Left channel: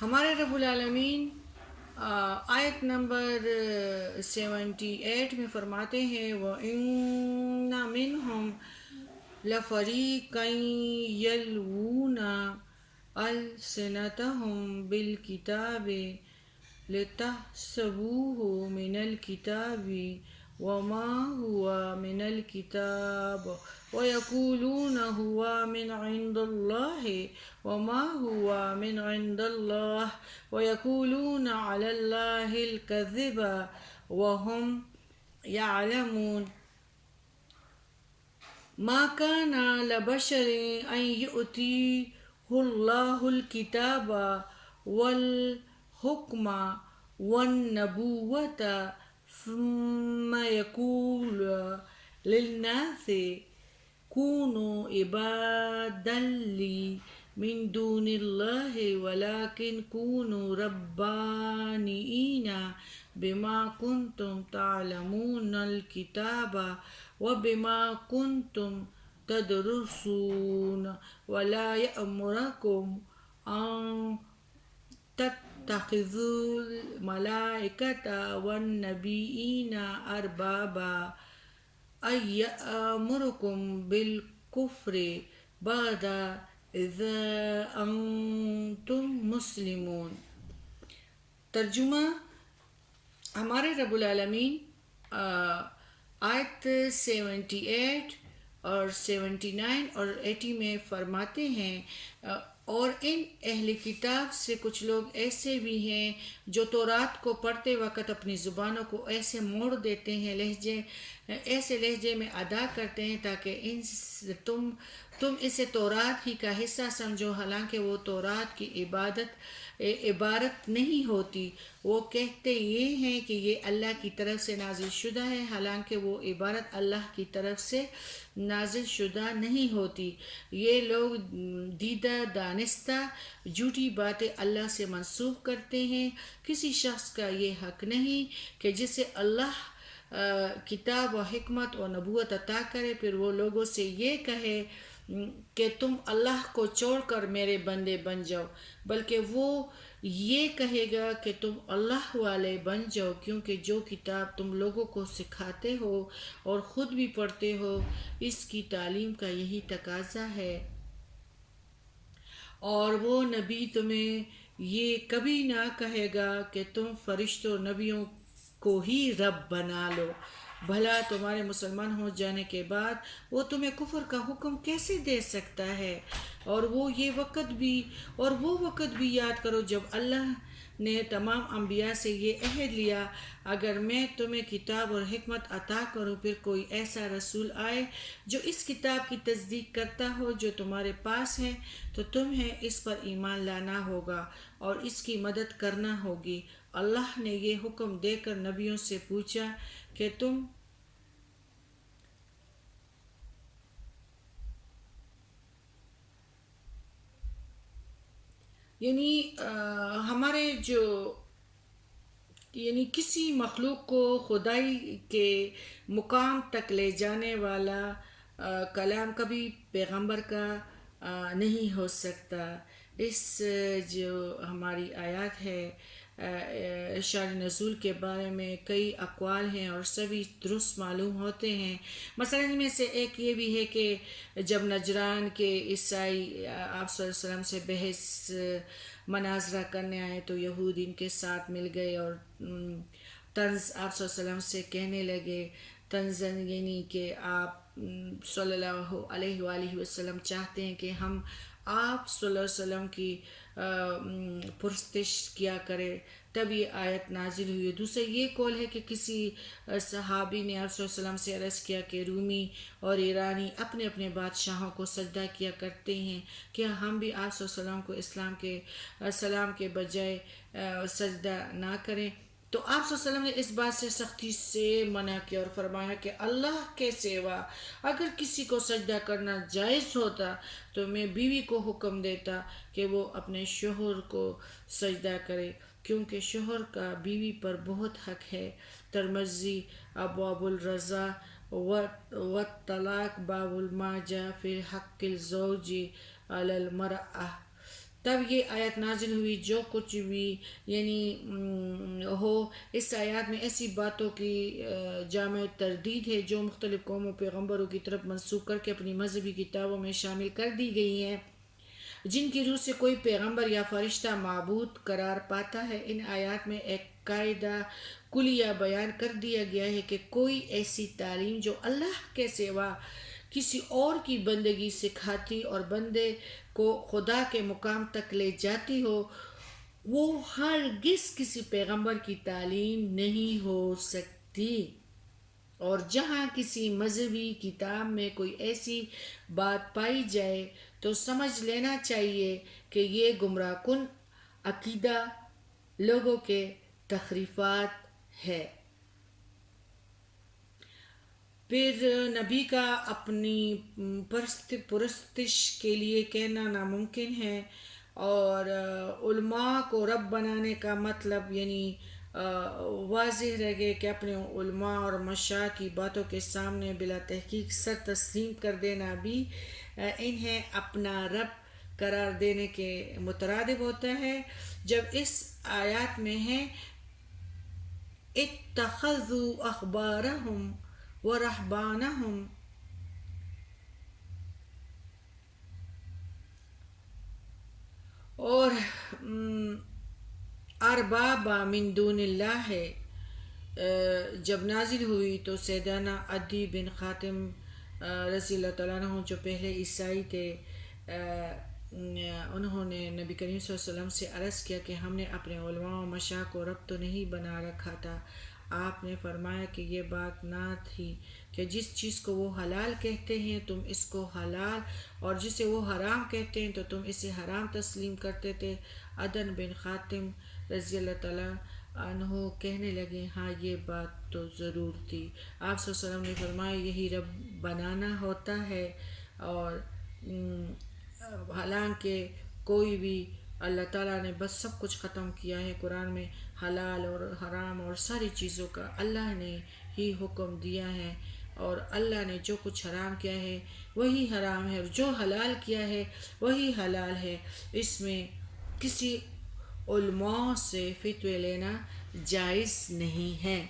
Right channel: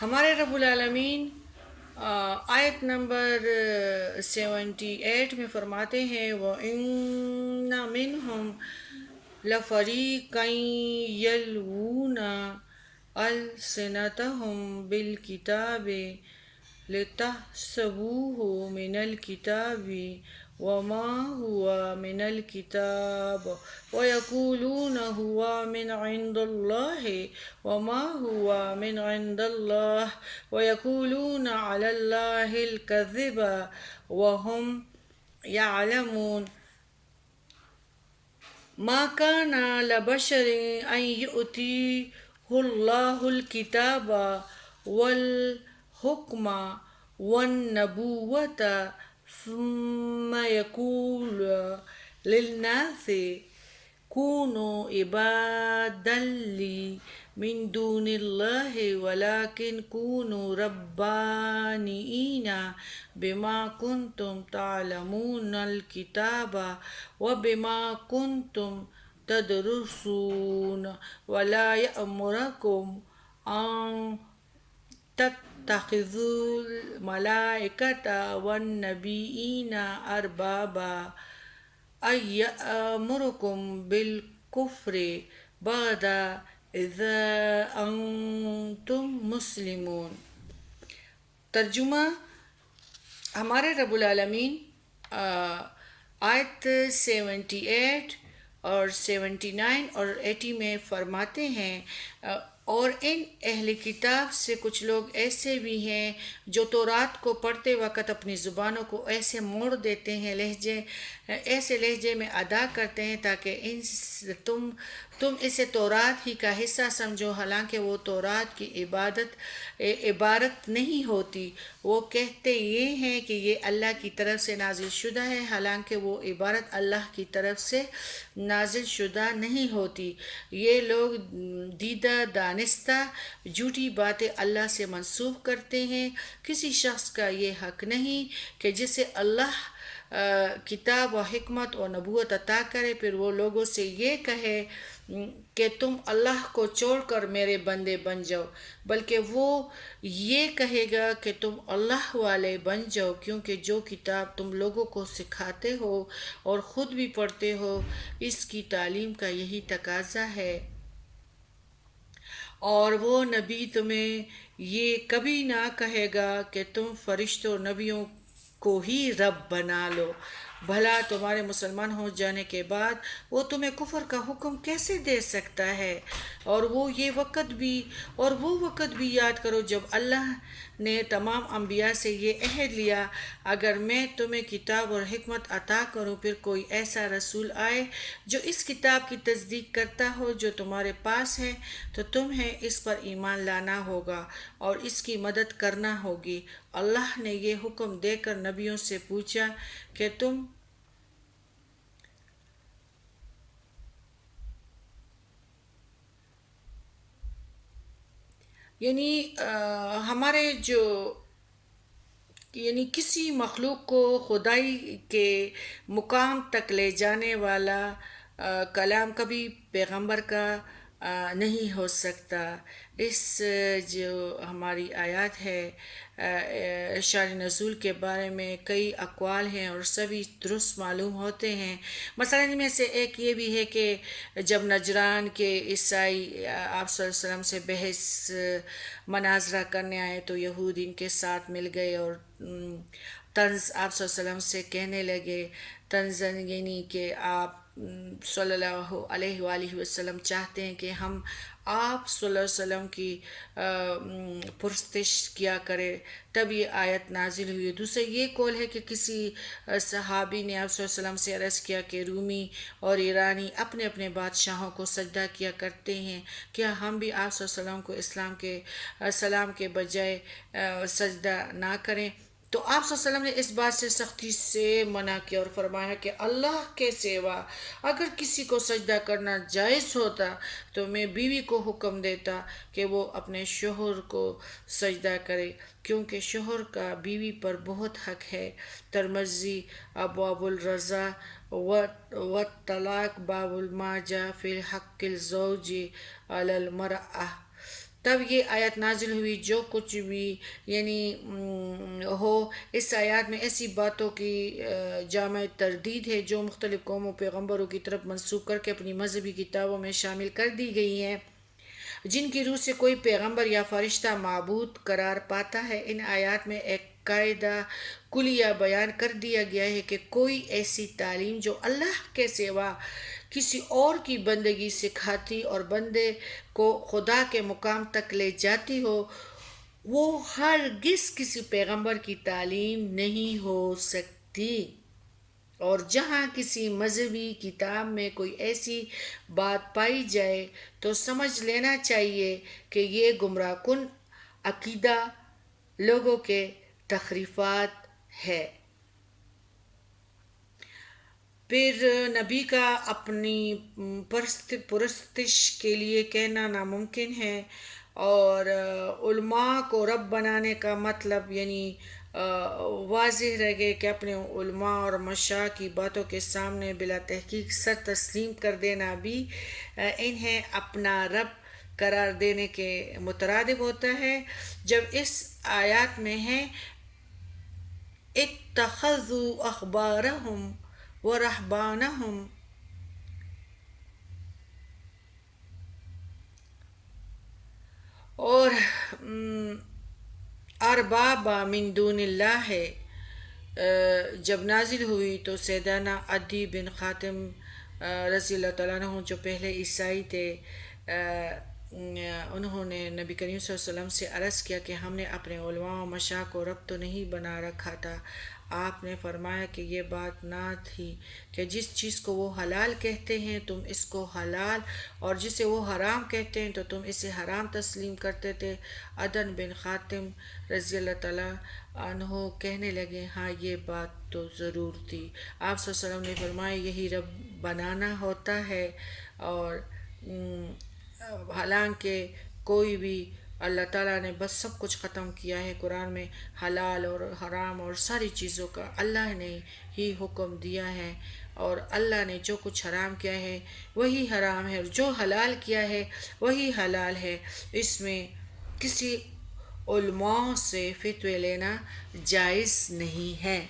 ہمارے رب العالمین آیت نمبر 78 میں فرماتے ہیں وَإِنَّ مِنْهُمْ لَفَرِيقًا يَلْوُونَ أَلْسِنَتَهُمْ بِالْكِتَابِ لِتَحْسَبُوهُ مِنَ الْكِتَابِ وَمَا هُوَ مِنَ الْكِتَابِ وَيَقُولُونَ هُوَ مِنْ عِنْدِ اللَّهِ وَمَا هُوَ مِنْ عِنْدِ اللَّهِ وَيَقُولُونَ عَلَى اللَّهِ الْكَذِبَ وَهُمْ يَعْلَمُونَ ما كان لبشر أن يؤتيه الله الكتاب والحكم والنبوة ثم يقول للناس كونوا عبادا لي من دون الله ولكن كونوا ربانيين بما كنتم تعلمون الكتاب وبما كنتم تدرسون ولا يأمركم أن تتخذوا الملائكة والنبيين أربابا أن يأمركم بالكفر بعد إذا أنتم مسلمون۔ ترجمہ: ہمارے رب العالمین آیت 78 اور 79 اور 80 میں فرماتے ہیں اور ان اہل کتاب سے کچھ لوگ ایسے بھی ہیں جو تورات کو پڑھتے وقت اپنی زبانوں کو ایسے موڑ دیتے ہیں، ایسے لہجے میں ادا کرتے ہیں تاکہ تم اسے تورات ہی کا حصہ سمجھو، حالانکہ وہ تورات کی عبارت نہیں ہوتی۔ وہ کہتے یہ ہیں کہ یہ اللہ کی طرف سے نازل شدہ ہے، حالانکہ وہ عبارت اللہ کی طرف سے نازل شدہ نہیں ہوتی۔ یہ لوگ دیدہ دانستہ جھوٹی باتیں اللہ سے منسوب کرتے ہیں۔ کسی شخص کا یہ حق نہیں کہ جسے اللہ کتاب و حکمت و نبوت عطا کرے پھر وہ لوگوں سے یہ کہے کہ تم اللہ کو چھوڑ کر میرے بندے بن جاؤ، بلکہ وہ یہ کہے گا کہ تم اللہ والے بن جاؤ، کیونکہ جو کتاب تم لوگوں کو سکھاتے ہو اور خود بھی پڑھتے ہو اس کی تعلیم کا یہی تقاضا ہے، اور وہ نبی تمہیں یہ کبھی نہ کہے گا کہ تم فرشتوں اور نبیوں کو ہی رب بنا لو۔ بھلا تمہارے مسلمان ہو جانے کے بعد وہ تمہیں کفر کا حکم کیسے دے سکتا ہے؟ اور وہ وقت بھی یاد کرو جب اللہ نے تمام انبیاء سے یہ عہد لیا، اگر میں تمہیں کتاب اور حکمت عطا کروں پھر کوئی ایسا رسول آئے جو اس کتاب کی تصدیق کرتا ہو جو تمہارے پاس ہے تو تمہیں اس پر ایمان لانا ہوگا اور اس کی مدد کرنا ہوگی۔ اللہ نے یہ حکم دے کر نبیوں سے پوچھا کہ تم ہمارے کسی مخلوق کو خدائی کے مقام تک لے جانے والا کلام کبھی پیغمبر کا نہیں ہو سکتا۔ اس جو ہماری آیات ہے شان نزول کے بارے میں کئی اقوال ہیں اور سبھی درست معلوم ہوتے ہیں۔ مثلا ان میں سے ایک یہ بھی ہے کہ جب نجران کے عیسائی آپ صلی اللہ علیہ وسلم سے بحث مناظرہ کرنے آئے تو یہود ان کے ساتھ مل گئے اور طنز آپ صلی اللہ علیہ وسلم سے کہنے لگے، طنزاً یعنی کہ آپ صلی اللہ علیہ وآلہ وسلم چاہتے ہیں کہ ہم آپ صلی اللہ علیہ وسلم کی پرستش کیا کرے، تب یہ آیت نازل ہوئی۔ دوسرا یہ قول ہے کہ کسی صحابی نے آپ صلی اللہ علیہ وسلم سے عرض کیا کہ رومی اور ایرانی اپنے اپنے بادشاہوں کو سجدہ کیا کرتے ہیں، کیا ہم بھی آپ صلی اللہ علیہ وسلم کو سلام کے بجائے سجدہ نہ کریں؟ تو آپ صلی اللہ علیہ وسلم نے اس بات سے سختی سے منع کیا اور فرمایا کہ اللہ کے سوا اگر کسی کو سجدہ کرنا جائز ہوتا تو میں بیوی کو حکم دیتا کہ وہ اپنے شوہر کو سجدہ کرے، کیونکہ شوہر کا بیوی پر بہت حق ہے۔ ترمذی ابواب الرضا والطلاق باب ما جاء فی حق الزوج علی المرأة۔ تب یہ آیت نازل ہوئی، جو کچھ بھی یعنی ہو، اس آیات میں ایسی باتوں کی جامع تردید ہے جو مختلف قوموں پیغمبروں کی طرف منسوخ کر کے اپنی مذہبی کتابوں میں شامل کر دی گئی ہیں، جن کی روح سے کوئی پیغمبر یا فرشتہ معبود قرار پاتا ہے۔ ان آیات میں ایک قاعدہ کلیہ بیان کر دیا گیا ہے کہ کوئی ایسی تعلیم جو اللہ کے سوا کسی اور کی بندگی سکھاتی اور بندے کو خدا کے مقام تک لے جاتی ہو، وہ ہرگز کسی پیغمبر کی تعلیم نہیں ہو سکتی۔ اور جہاں کسی مذہبی کتاب میں کوئی ایسی بات پائی جائے تو سمجھ لینا چاہیے کہ یہ گمراہ کن عقیدہ لوگوں کے تخریفات ہے۔ پھر نبی کا اپنی پرستش کے لیے کہنا ناممکن ہے، اور علماء کو رب بنانے کا مطلب یعنی واضح رہ گئے کہ اپنے علماء اور مشائخ کی باتوں کے سامنے بلا تحقیق سر تسلیم کر دینا بھی انہیں اپنا رب قرار دینے کے مترادف ہوتا ہے۔ جب اس آیات میں ہے اتخذوا احبارهم ورهبانهم اور ارباب من دون اللہ ہے، جب نازل ہوئی تو سیدنا عدی بن خاتم رضی اللہ تعالیٰ عنہ جو پہلے عیسائی تھے، انہوں نے نبی کریم صلی اللہ علیہ وسلم سے عرض کیا کہ ہم نے اپنے علماء و مشائخ کو رب تو نہیں بنا رکھا تھا۔ آپ نے فرمایا کہ یہ بات نہ تھی کہ جس چیز کو وہ حلال کہتے ہیں تم اس کو حلال، اور جسے وہ حرام کہتے ہیں تو تم اسے حرام تسلیم کرتے تھے۔ عدن بن خاتم رضی اللہ تعالیٰ عنہ کہنے لگے ہاں یہ بات تو ضرور تھی۔ آپ صلی اللہ علیہ وسلم نے فرمایا یہی رب بنانا ہوتا ہے، اور حالانکہ کوئی بھی اللہ تعالیٰ نے بس سب کچھ ختم کیا ہے قرآن میں، حلال اور حرام اور ساری چیزوں کا اللہ نے ہی حکم دیا ہے، اور اللہ نے جو کچھ حرام کیا ہے وہی حرام ہے، اور جو حلال کیا ہے وہی حلال ہے۔ اس میں کسی علماء سے فتوے لینا جائز نہیں ہے۔